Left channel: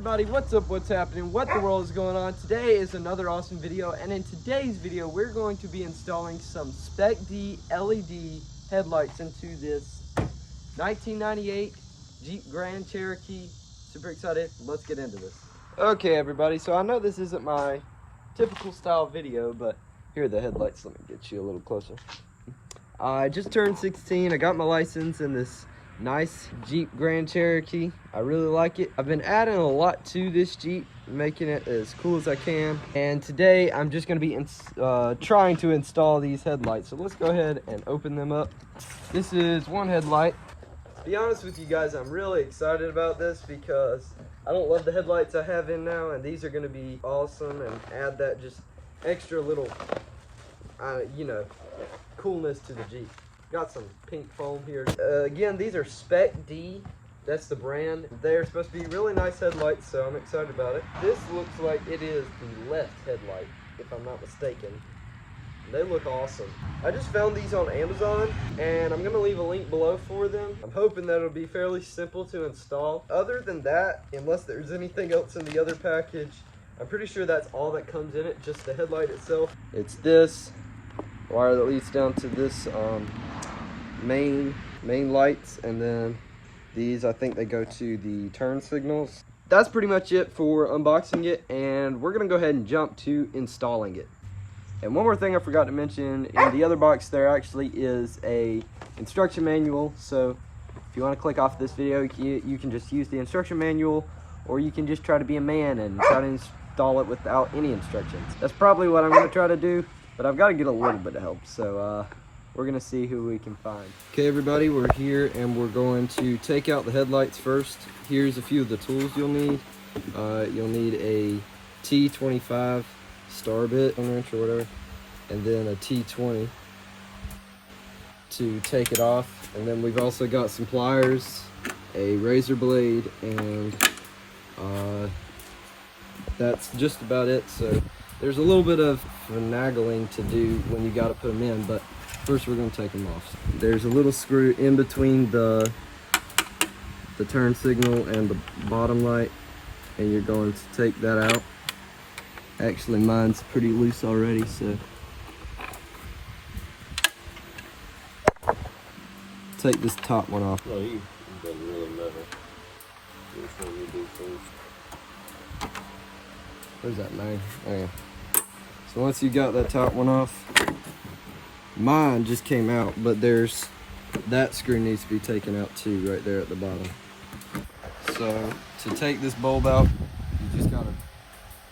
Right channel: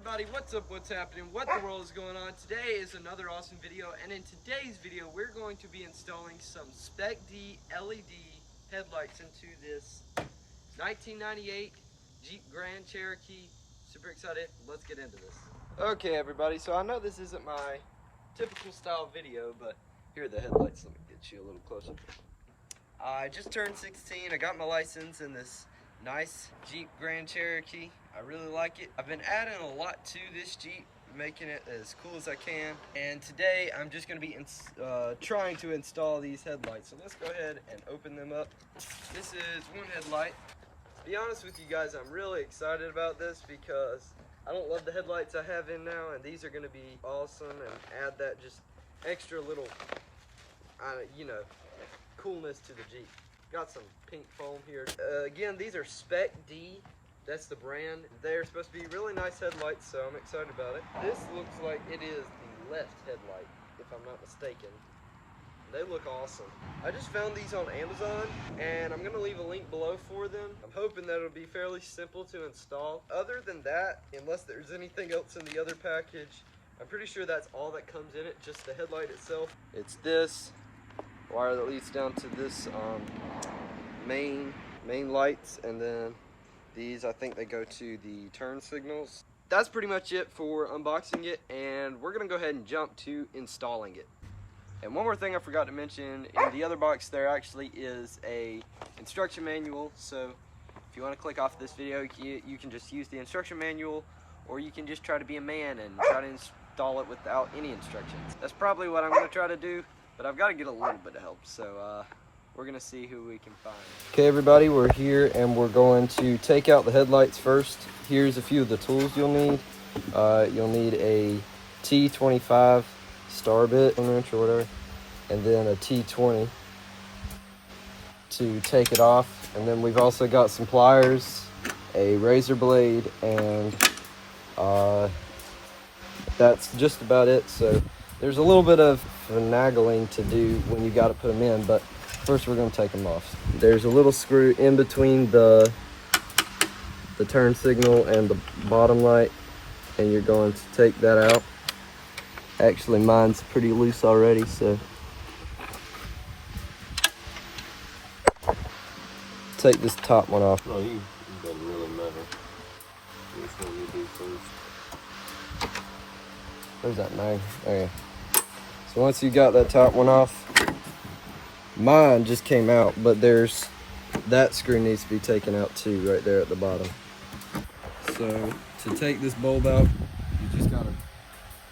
everybody, what's up, what's happening, what the world is going on? Today is another awesome video, and in today's video we're going to be installing some Spec-D LED headlights into this 1998 Jeep Grand Cherokee. Super excited, let's get into this. Okay everybody, so I know this isn't my typical style video, but here are the headlights. Let me get you a little closer. I just turned 16, I got my license in this nice Jeep Grand Cherokee. I really like it. I've been adding a lot to this Jeep, making it as cool as I can. And today I'm just gonna be trying to install these headlights. So let's go ahead and open them up. This is one headlight. To be honest with you guys, I'm really excited about this because I don't love the headlights I have in now, and these are gonna be awesome and add that just extra little, you know, coolness to the Jeep. Got some pink foam here. Again, these are Spec-D. That's the brand. They're supposed to be really nice headlights, so I'm excited about it. This looks like it is the left headlight, if I'm not mistaken. They look awesome. I just found these on Amazon, and I'm gonna leave a link below for them. I'm hoping that it'll be fairly simple to install. Other than that, unless there's anything else in the other package, I'm pretty sure that's all that comes in it, just the headlight itself. It's this wire that leads down to this main lights, and then these, I think they go to the turn signals. That's pretty much it for unboxing it, and we're gonna go ahead and jump to installing it. And one more thing I forgot to mention, in the other box there actually is a instruction manual, so if you want to click off this video, you can just use the instruction manual, or you can just try to be a man and try to install it without any instructions. That's probably what I'm going to try to do, but I've got to get a little bit of help, so we're gonna see who we can find. Okay everybody, we're here and we're going to take out the headlights first. Here's a few of the tools you'll need. You'll need a T25 star bit, 1 inch or whatever, and then a T20 to take it off. And then we've also got some pliers, a razor blade, and that's just about it. So there's a little bit of finagling to do when you got to put them in, but first we're going to take them off. There's a little screw in between the turn signal and the bottom light, and you're going to take that out. Actually, mine's pretty loose already, so take this top one off. Oh, you got it really metal. Where's that knife? Oh, yeah. So once you got that top one off, mine just came out, but there's that screw needs to be taken out too, right there at the bottom. So to take this bulb out, you just gotta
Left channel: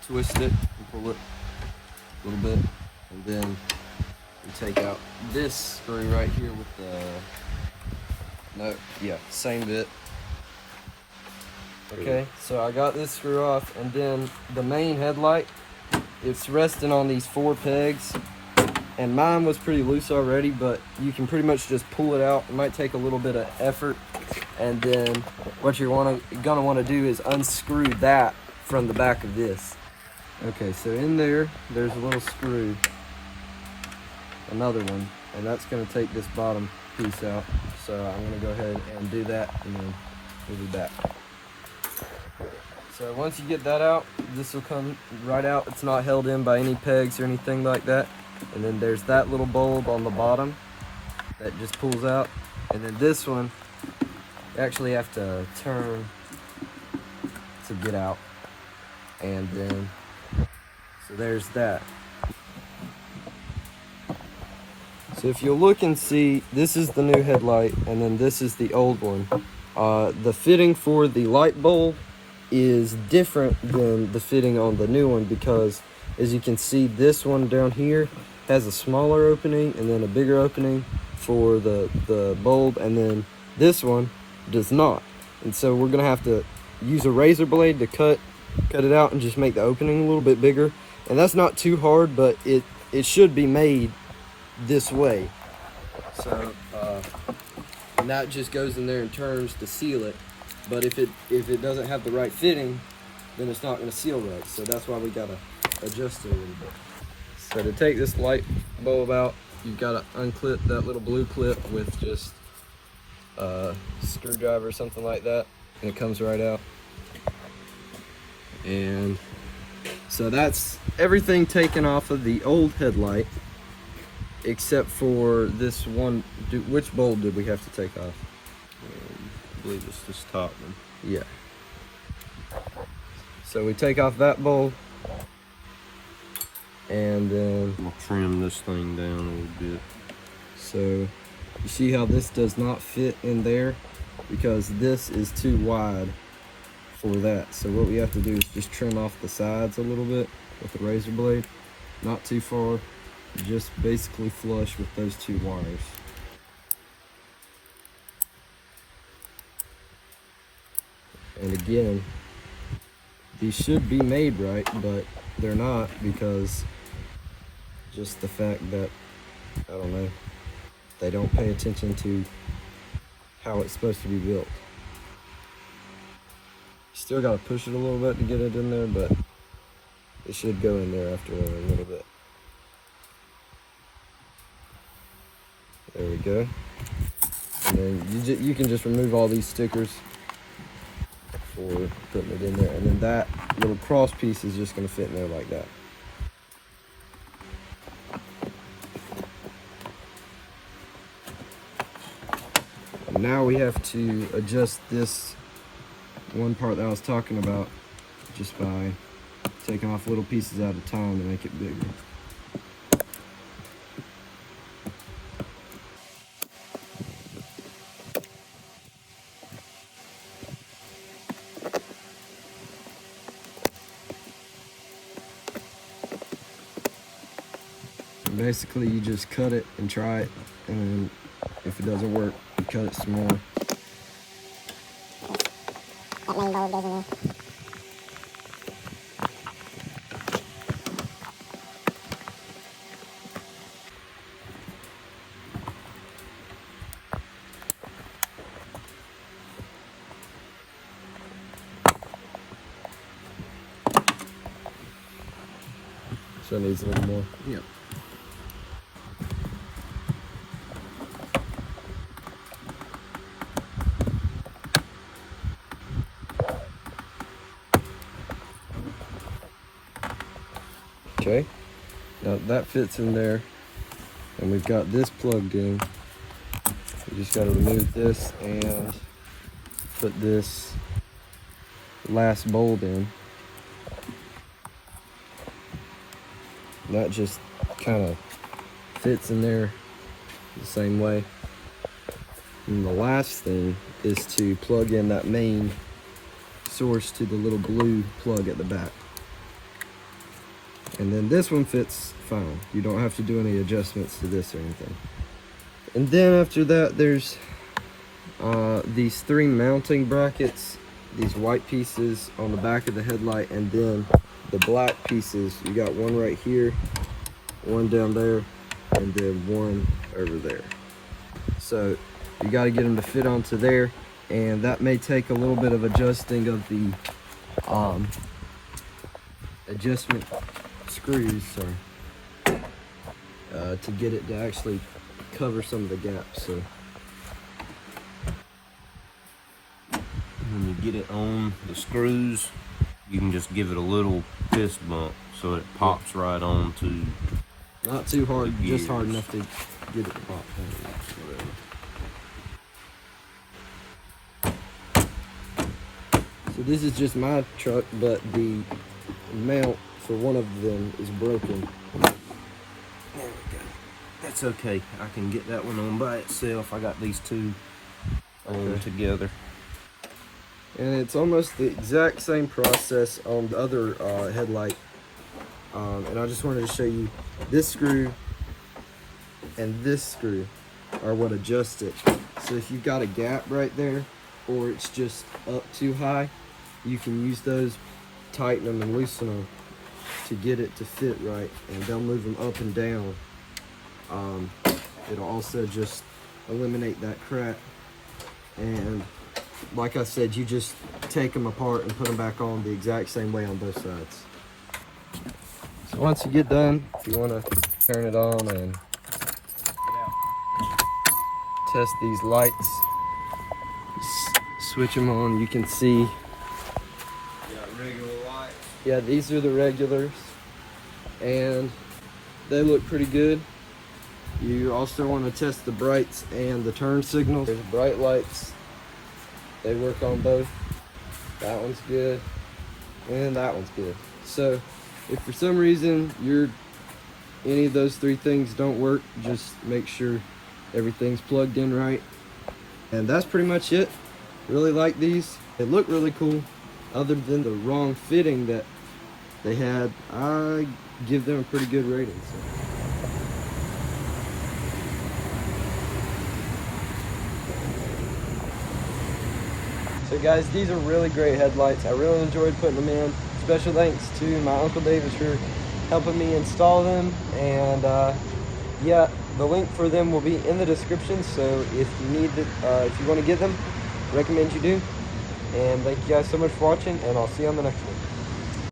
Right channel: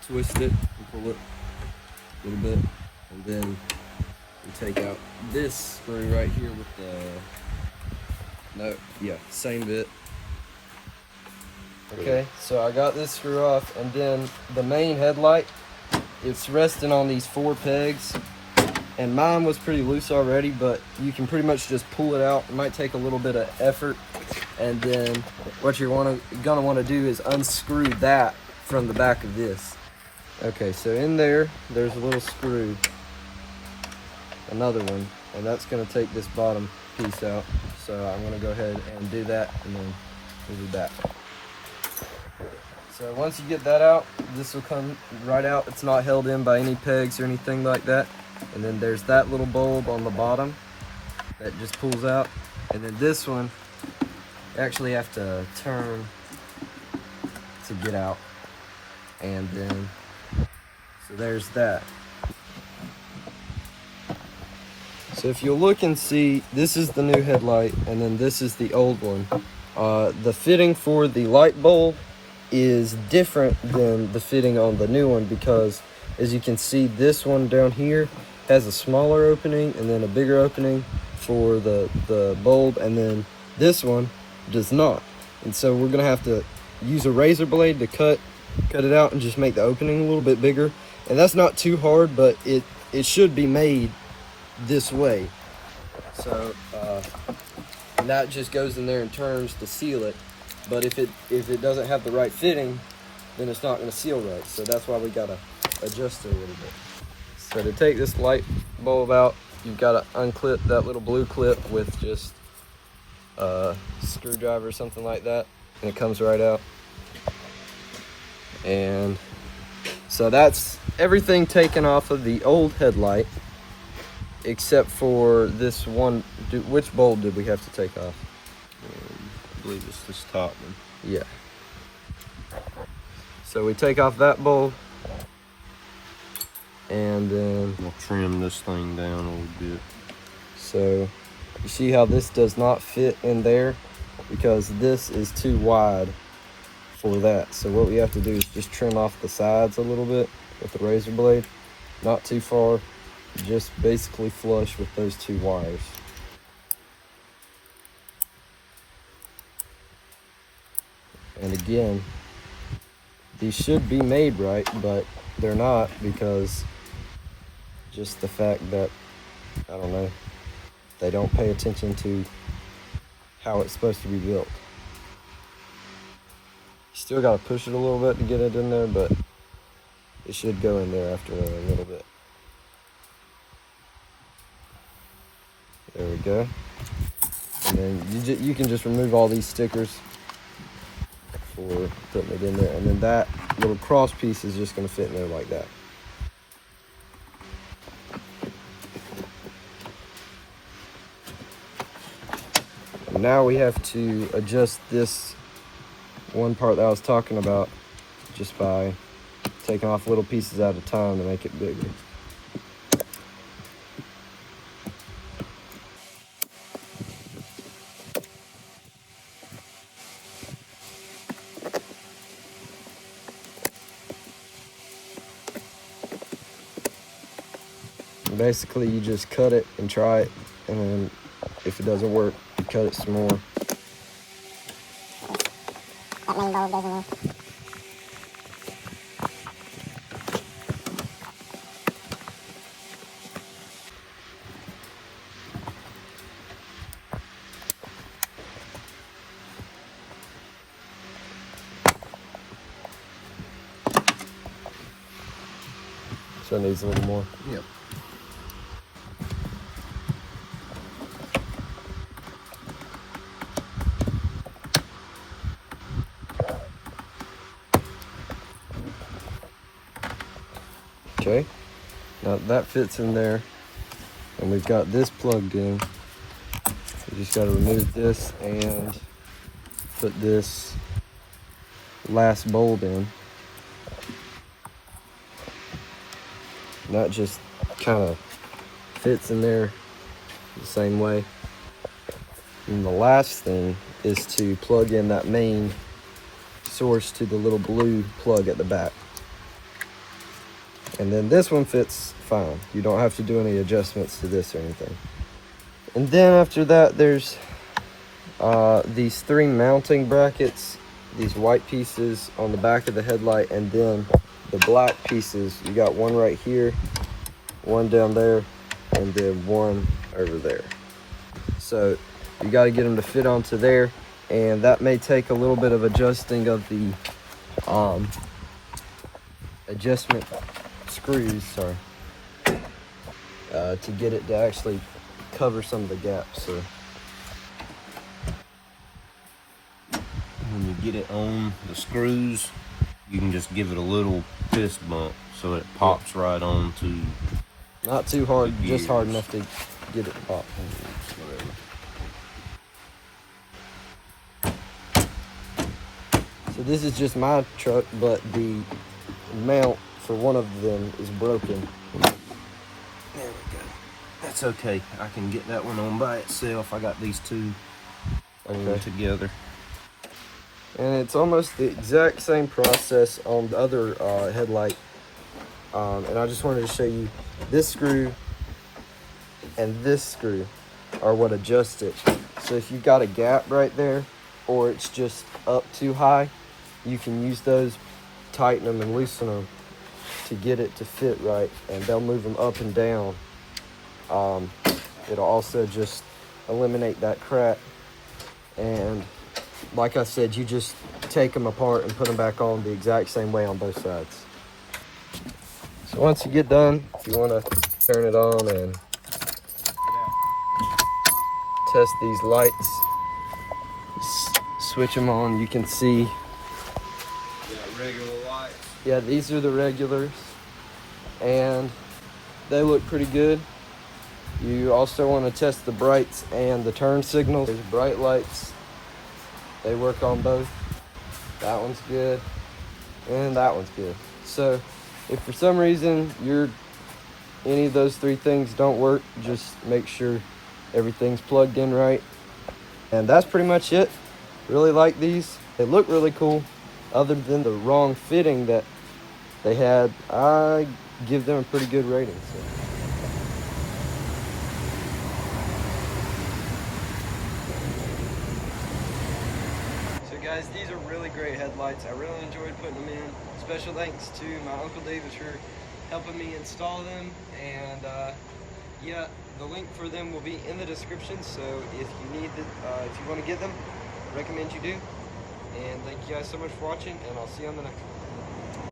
twist it and pull it a little bit, and then you take out this screw right here with the same bit. Okay, so I got this screw off, and then the main headlight, it's resting on these 4 pegs. And mine was pretty loose already, but you can pretty much just pull it out. It might take a little bit of effort. And then what you're gonna want to do is unscrew that from the back of this. Okay, so in there's a little screw, another one, and that's gonna take this bottom piece out. So I'm gonna go ahead and do that, and then we'll be back. So once you get that out, this will come right out. It's not held in by any pegs or anything like that. And then there's that little bulb on the bottom that just pulls out. And then this one, you actually have to turn to get out. And then, so there's that. So if you look and see, this is the new headlight, and then this is the old one. The fitting for the light bulb is different than the fitting on the new one, because as you can see, this one down here has a smaller opening and then a bigger opening for the bulb, and then this one does not. And so we're gonna have to use a razor blade to cut it out and just make the opening a little bit bigger. And that's not too hard, but it should be made this way. So and that just goes in there and turns to seal it. But if it doesn't have the right fitting, then it's not gonna seal right. So that's why we gotta adjust it a little bit. So to take this light bulb out, you've got to unclip that little blue clip with just a screwdriver or something like that, and it comes right out. And so that's everything taken off of the old headlight, except for this one. Which bulb did we have to take off? I believe it's this top one. Yeah. So we take off that bulb, and then We'll trim this thing down a little bit. so you see how this does not fit in there because this is too wide for that. So what we have to do is just trim off the sides a little bit with the razor blade, not too far, just basically flush with those two wires. And again, these should be made right, but they're not because just the fact that, I don't know, they don't pay attention to how it's supposed to be built. Still got to push it a little bit to get it in there, but it should go in there after a little bit. There we go. And then you can just remove all these stickers for putting it in there, and then that little cross piece is just going to fit in there like that. And now we have to adjust this one part that I was talking about just by taking off little pieces at a time to make it bigger. Basically, you just cut it and try it, and then if it doesn't work, you cut it some more. That main bulb goes in there. So it needs a little more. Yep. Okay, now that fits in there, and we've got this plugged in. We just got to remove this and put this last bulb in. And that just kind of fits in there the same way. And the last thing is to plug in that main source to the little blue plug at the back. And then this one fits fine. You don't have to do any adjustments to this or anything. And then after that, there's these three mounting brackets, these white pieces on the back of the headlight, and then the black pieces. You got one right here, one down there, and then one over there. So you got to get them to fit onto there, and that may take a little bit of adjusting of the adjustment screws, sorry, to get it to actually cover some of the gaps. So When you get it on the screws, you can just give it a little fist bump so it pops right on to. not too hard, just hard enough to get it to pop. So this is just my truck, but the mount for one of them is broken. There we go. That's okay. I can get that one on by itself. I got these two together. And it's almost the exact same process on the other headlight. And I just wanted to show you this screw and this screw are what adjust it. So if you've got a gap right there, or it's just up too high, you can use those, tighten them and loosen them to get it to fit right, and they'll move them up and down. It'll also just eliminate that crack. And like I said, you just take them apart and put them back on the exact same way on both sides. So once you get done, if you want to turn it on and test these lights, switch them on, you can see regular lights. Yeah, these are the regulars, and they look pretty good. You also want to test the brights and the turn signals. There's bright lights. They work on both. That one's good, and that one's good. So if for some reason any of those three things don't work, just make sure everything's plugged in right. And that's pretty much it. Really like these. They look really cool. Other than the wrong fitting that they had, I give them a pretty good rating. So guys, these are really great headlights. I really enjoyed putting them in. Special thanks to my Uncle David for helping me install them. And yeah, the link for them will be in the description. So if you need if you want to get them, recommend you do. And thank you guys so much for watching, and I'll see you on the next one.